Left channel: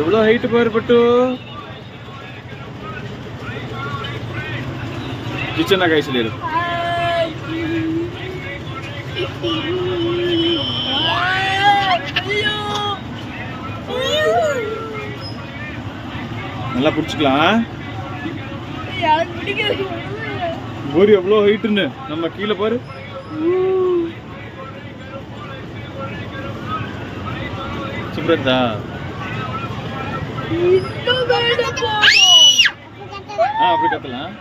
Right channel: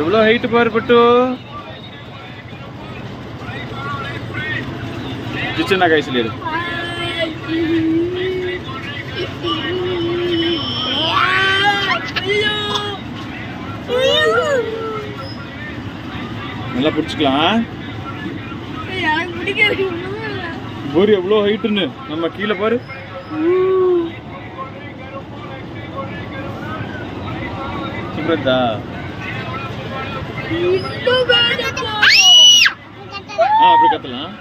எவ்வளோ ஹைட்டு பாரு பட்டு. கிச்சனா கை சொல்லிடு. நல்லா பிடிச்சிக்கலாம். ஒரு எவ்வளோ ஹைட்டுன்னு நம்ம கீழே பாரு. சுப்ரதா அப்படி கத்தலாம்.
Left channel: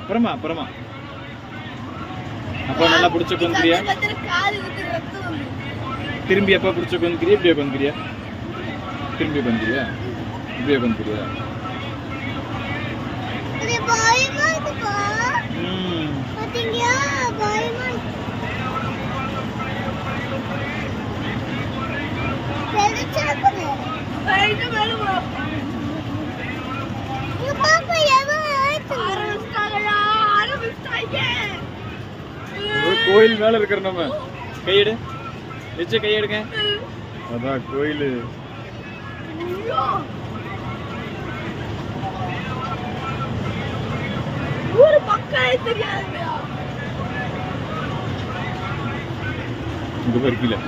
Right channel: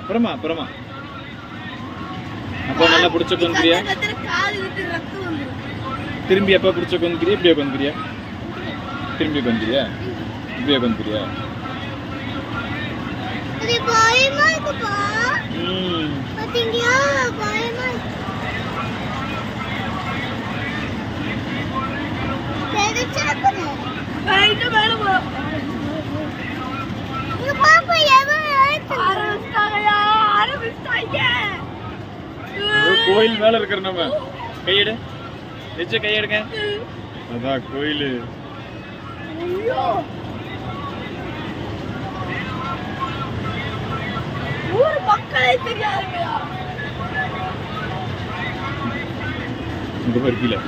அப்புறமா அப்புறமா அப்போ நல்லா பிடிச்ச கொந்துக்கிறியா? திரும்பி எப்போ பிடிச்ச கொந்துக்கிறியா? இப்படியே கொந்துக்கிறியா? திரும்பி கொந்துக்கிறியா? இப்படியே கொந்துக்கிறியா? கோயில் மேல இருக்கிற நம்ம கையெடு வச்சு கையெடுங்க. அதான் கோயில். ஊரு மக்களே தெரியாதுயா. இங்க பாரு கீழே.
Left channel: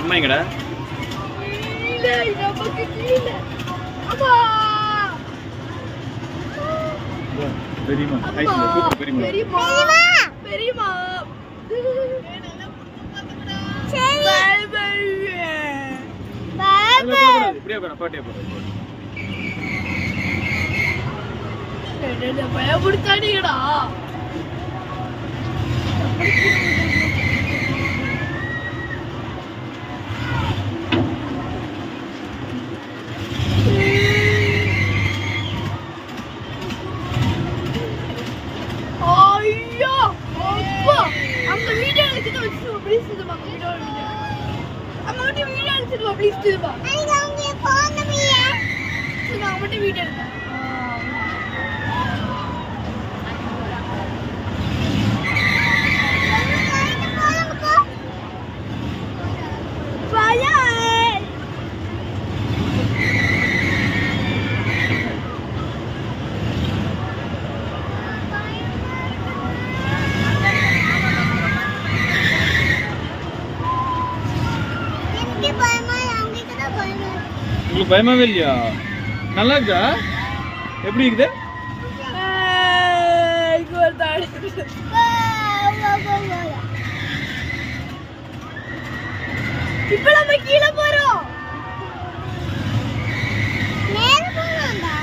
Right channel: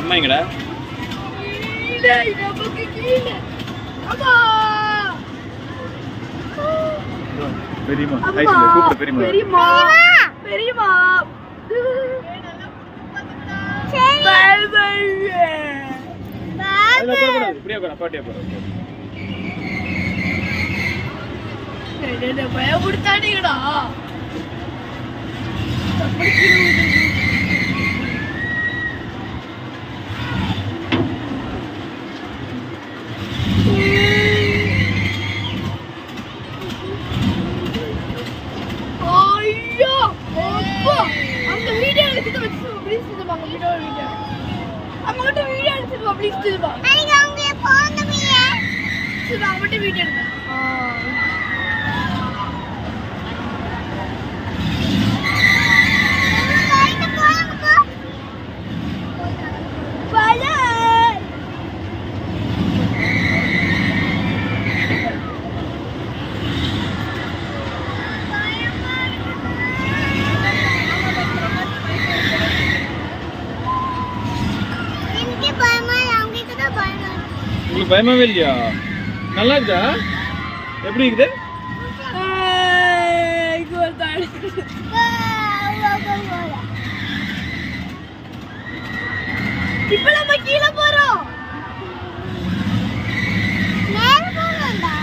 அம்மா எங்கடா? பெரியம்மா கூப்பிடு. பெரியம்மா பெரியம்மா இப்படியே பாட்டியா போற பயப்படுத்தானீங்கடா. பயமாவே இல்லையா? நல்லா இருக்கா? எப்படி இருக்குது? இப்ப நம்ம கீழே போறோம். மேல போறோம்டா.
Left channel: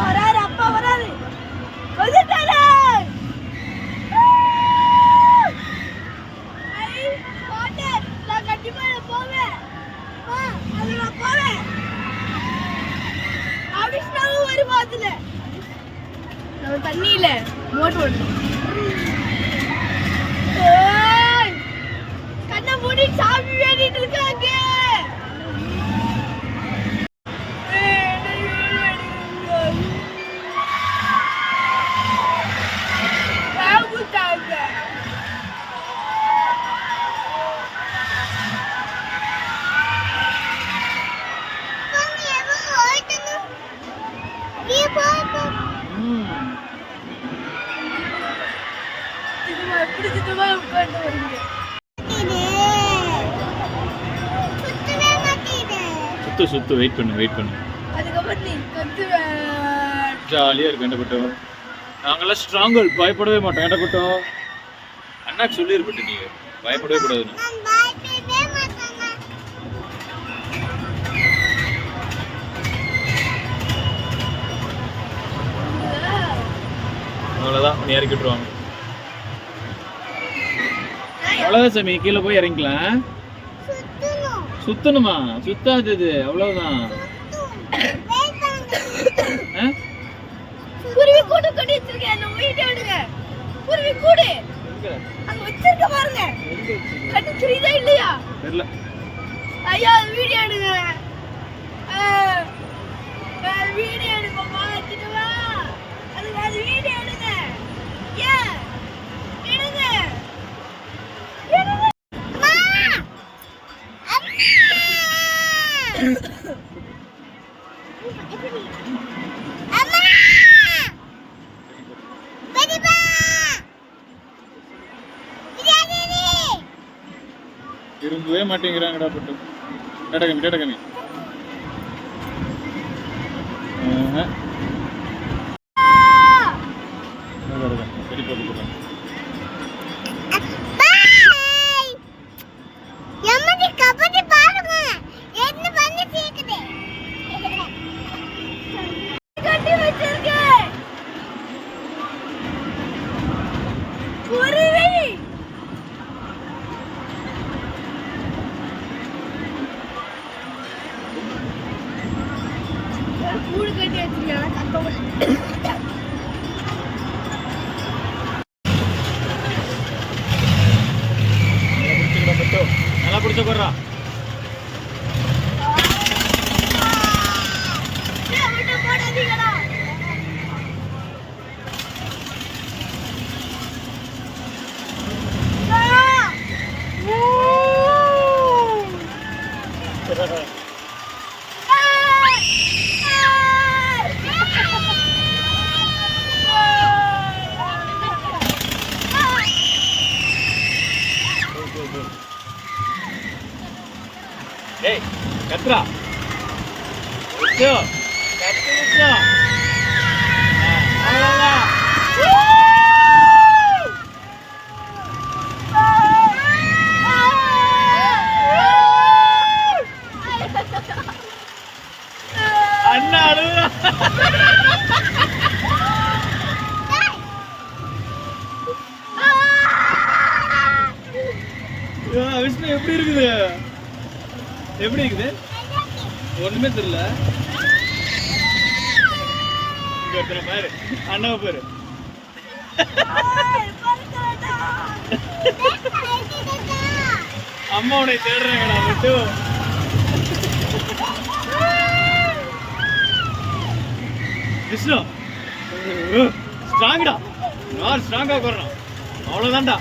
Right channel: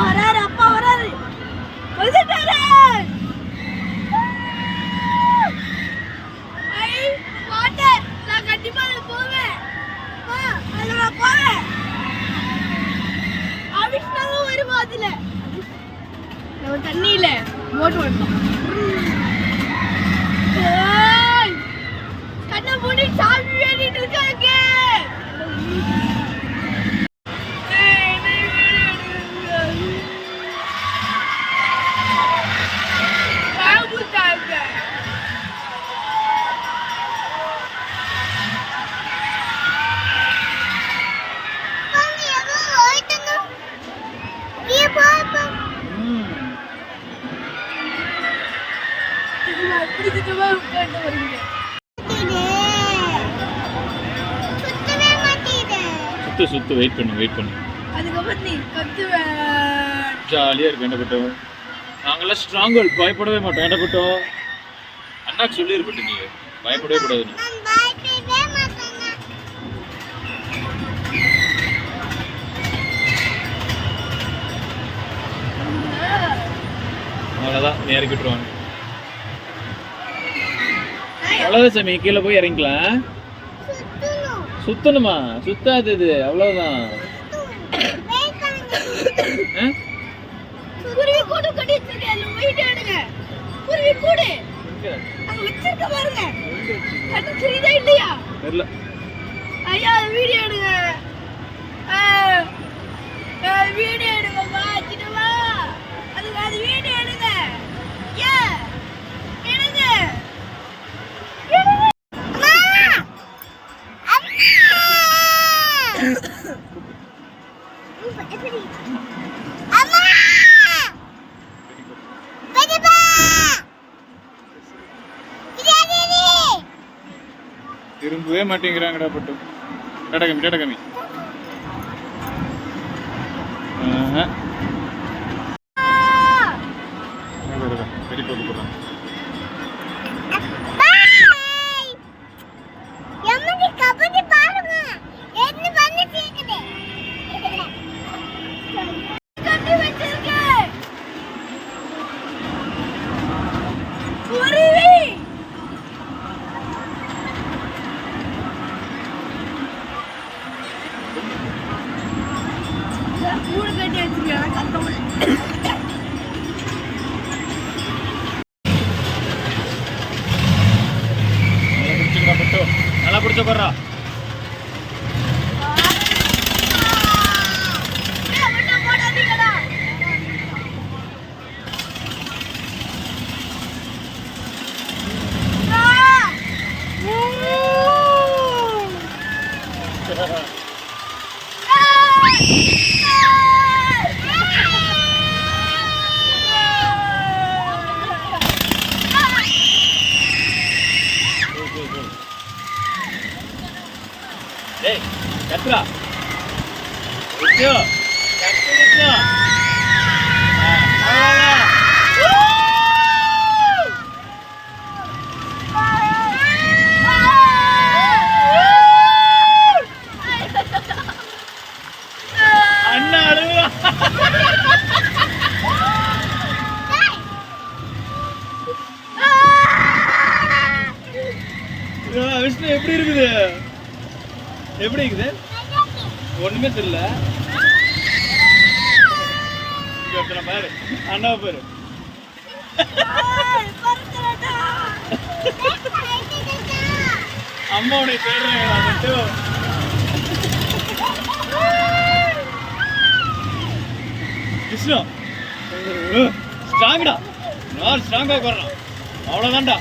வராரு அப்பா வராரு. வந்துட்டாரு. வாட்டர் நான் கண்டிப்பா போவேன். அதுல நான் போவேன். அபிஷேகம் வருமா அதுல? நம்ம தண்ணியில போட் ஓட்டலாம். கண்ணை மூடி சாமி வேண்டிட்டு இருக்காங்க. சுத்து வெயிட் பண்ணு. ஜாலியா இருக்கு. வேண்டப்பட்டோம் நாங்கெல்லாம் ஸ்ட்ராங், பயப்படவே மாட்டோம். வேண்டப்பட்டோம் அண்ணாக்கு சொல்லி இருக்கட்டு, நீ பயப்படவே கூடாது. அவ்வளோதான் நீ இறக்கிட்டுருவாங்க. அவ்வளோதான் சாமி, கீழே போய் இறங்கிக்கலாம். சுத்தணுமா? சுத்தாது இது, அவ்வளவுதான். குருவி கூடு கட்டி வச்சிருக்கேன், நம்ம வீடியோ எடுங்க. குருவி கூடு அங்க வச்சிருக்க பாருங்க. கட்டி தெரியுதா இல்லையா தெரியல. ஐயா வீடியோ எடுங்க. வீடியோ எடுப்பா சின்னவா. அது வீடியோ எடுங்க. ஏ எடுங்க. திரும்பவே மாட்டேங்கிறாங்கடா பட்டு. டடகமி டடகமி. சரி போட்டு போடுறேன். கட்டி வச்சிருக்கேன். குருவி கூடு கட்டி வச்சிருக்கேன். கத்த நல்லா பிடிச்ச போடுறா. ஏய் கத்ரா விச்சோ கத்து விச்சோ அண்ணா அழுகுறா. விஷ்ணு எப்படி இருக்குது? எப்படி இருக்குது? ஒண்ணுமே தெரியல. இங்க ஒருத்தனை பாரு, அண்ணாவை பாரு. அம்மா உன்னை தேடுறாங்க மட்டும். விஷ்ணு ஸ்ட்ராங்கடா, நான் ஸ்ட்ராங்கா உட்கார்றான். அவ்வளவுதான்டா,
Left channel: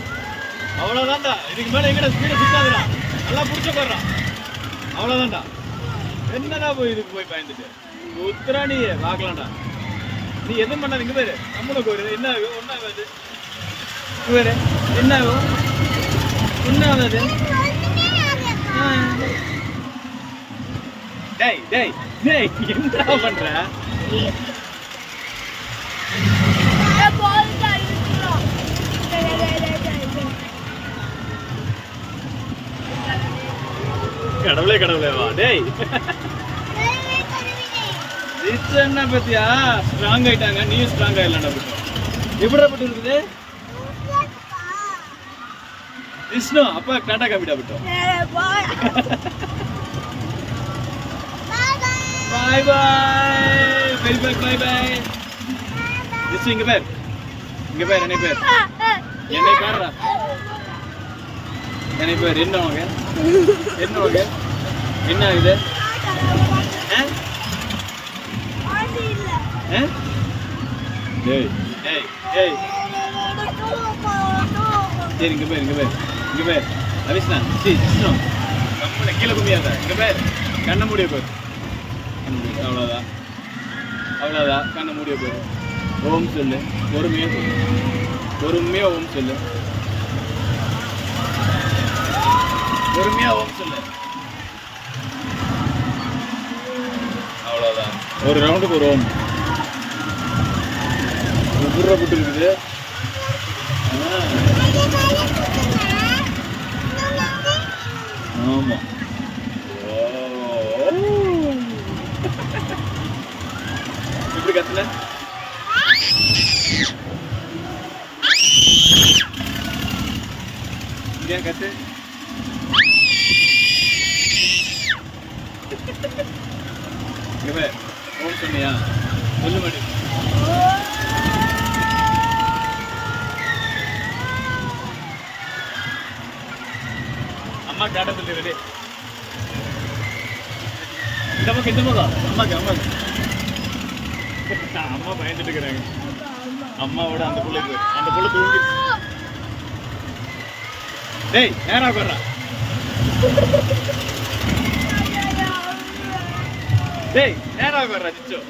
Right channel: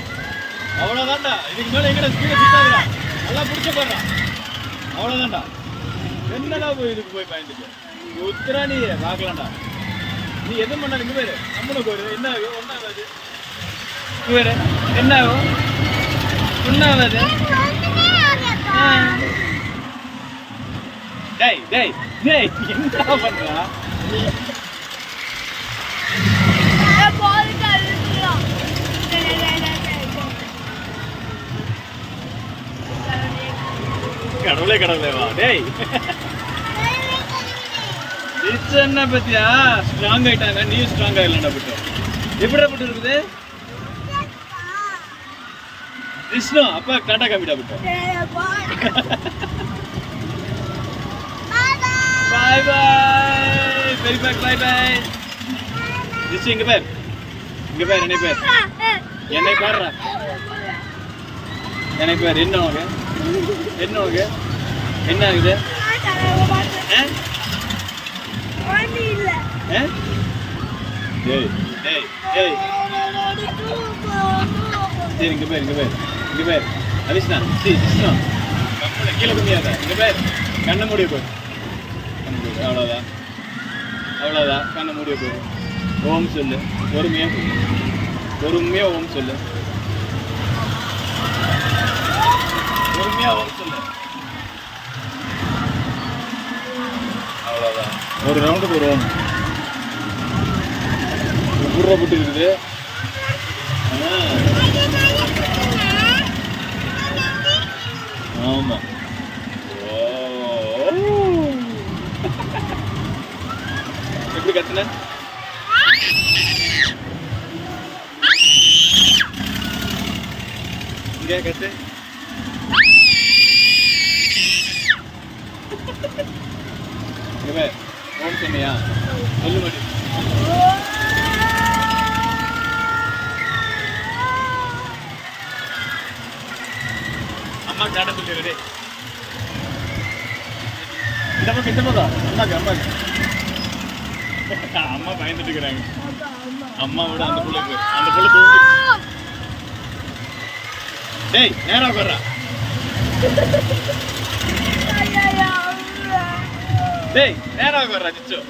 அவ்வளவுதான்டா. இதுக்கு மேல எங்கடா ஸ்பீட சுத்தாதுடா. நல்லா பிடிச்ச உட்கார்றான். அவ்வளவுதான்டா. என்னடா போய் இதுக்கு போய் பயந்துட்டு உத்தரா நீ பார்க்கலாம்டா. நீ எதுவும் பண்ணாது. இங்க பேரு நம்மளுக்கு ஒரு என்ன ஆகும்? ஒன்னும் ஆகாது. வேறு என்ன ஆகும்? ஒன்னும் ஆகாது. டேய் டேய் டேய் என்னடா பண்ற? கடவுளே கடவுளேவா டேய். இது என்ன பத்தியா? ஸ்ட்ராங் ஆயிட்டாங்க, நீ ஸ்ட்ராங் ஆயிடலாம்டா பட்டு. எப்படிடா பட்டு இருக்குது? விஷ்ணு அப்பா டாடா காமிடா பட்டு. பாய் பாய் வெரி பாய் பாய் பாய். விஷ்ணு இங்க பாரு, இங்க பாரு, என்னை பாரு, என்னை பாருடா, என்னை பாரு. என்ன உனக்கு? என்ன உனக்கு? என்ன ஆகுது? சரி இங்க பேர், இங்க பேர், இங்க பேர். அரிஷ்ணா கீழே கும்பியாத. இங்க பேர், கண்ணை மூடிய போய். அவ்வளோதான், அவ்வளோதான். கண்ணை மூடிய போய் ஓம் சொல்லு. பொறுமையாக சொல்லு, பொறுமையாக ஓம் சொல்லு, பொறுமையா ஓம் சொல்லு. அவ்வளோதான். ஒரு ரவுண்டுக்கு ஒரு ஓம். குர்ற புட்டு இருக்குது. ஆமா. எப்படி கத்துல? இங்க கத்து. இங்க வே ஓம் சொன்னியா சொல்லு மாட்டேன் அம்மா ஜாட சொல்லிடு இந்த பக்கம் அம்மாக்கு அம்மா பயந்துட்டு இருக்கிறாங்க அம்மாவோட அந்த புள்ள தூங்கி டேய் நேரா போடுறா டேய் நேரா போடுறா நிச்சயம்